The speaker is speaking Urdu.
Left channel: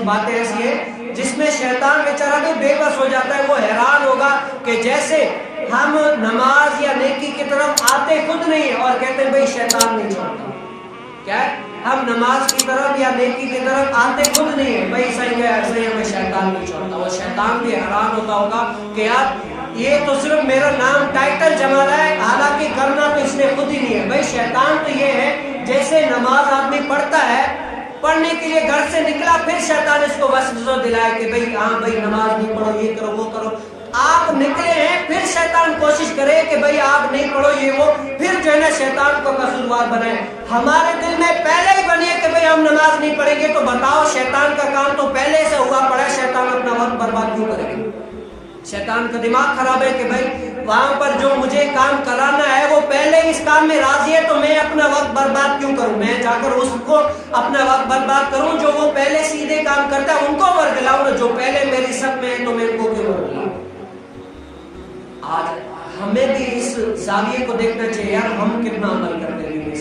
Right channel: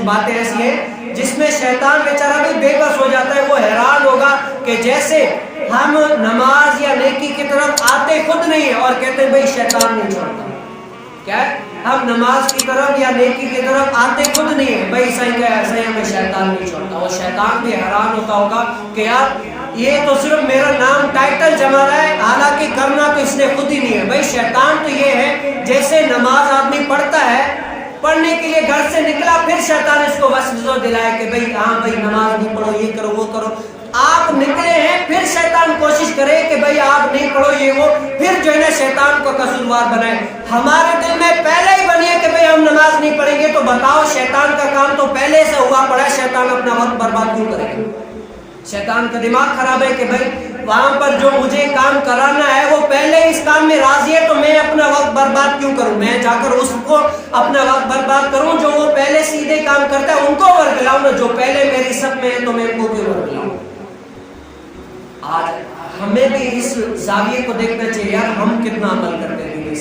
کچھ باتیں ایسی ہیں جس میں شیطان بیچارہ بھی بے بس ہو جاتا ہے. وہ حیران ہوگا کہ جیسے ہم نماز یا نیکی کی طرف آتے خود نہیں ہیں اور کہتے ہیں بھائی شیطان نہیں چھوڑتا. کیا ہے؟ ہم نماز کی طرف یا نیکی کی طرف آتے خود نہیں ہیں, بھائی صحیح ہے, صحیح ہمیں شیطان نہیں چھوڑتا. اور شیطان بھی حیران ہوتا ہوگا کہ یار یہ تو صرف میرا نام ٹائٹل جما رہا ہے, حالانکہ کرنا تو اس نے خود ہی نہیں ہے. بھائی شیطان تو یہ ہے جیسے نماز آدمی پڑھتا ہے, پڑھنے کے لیے گھر سے نکلا, پھر شیطان اس کو وسوسہ دلائے کہ بھائی ہاں بھائی نماز نہیں پڑھو, یہ کرو وہ کرو. آپ نکلے ہیں, پھر شیطان کوشش کرے کہ بھائی آپ نہیں پڑھو یہ وہ, پھر جو ہے نا شیطان کو قصوروار بنائے. ہمارے دل میں پہلے ہی بنی ہے کہ بھئی ہم نماز نہیں پڑھیں گے, تو بتاؤ شیطان کا کام تو پہلے سے ہوا پڑا ہے, شیطان اپنا وقت برباد کیوں کرے گا؟ شیطان کا دماغ خراب ہے کہ بھئی وہاں پر جو مجھے کام کرانا ہے وہ پہلے اس کام میں راضی ہے, تو میں اپنا وقت برباد کیوں کروں؟ میں جا کر اس کو اپنا وقت برباد کروں جو وہ پہلے سیدھے کام کرتا ہے, ان کو ورگلاؤں نا, جو پہلے میری سب میں ہے تو میں ان کو کیوں ورگلاؤں؟ آج ہمیں بھی اس زاویے کو دیکھنا چاہیے یار, ہم کتنا عمل کرتے ہیں.